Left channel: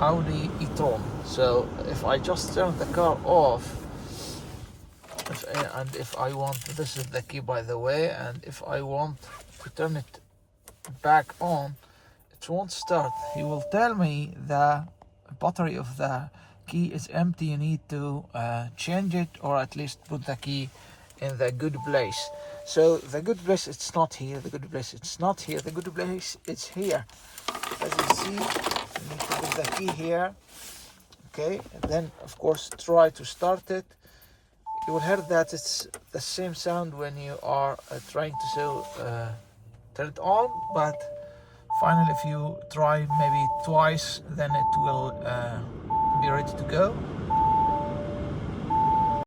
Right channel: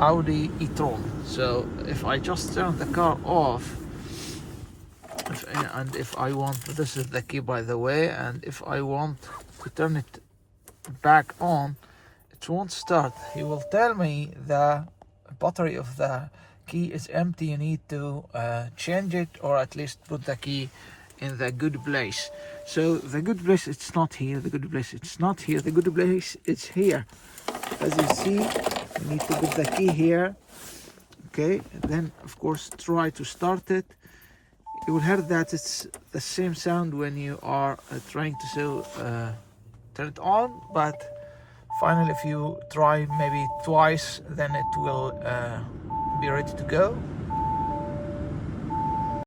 Audi e-tron. So if I just turn the car off, and if I want, this is the key by the way, and if I want to turn it back on, it won't start. He will tell me the battery of the key is empty, you need to change it, or at least put the key in the good place. So the good place, it's not here. The good place, it's not here. The good place, it's here. As you see, you need to put the key here. Okay, and then of course try to start it. You will hear that it's the same sound when you are trying to turn it on, but finally if you try maybe twice, then it will be ready to go.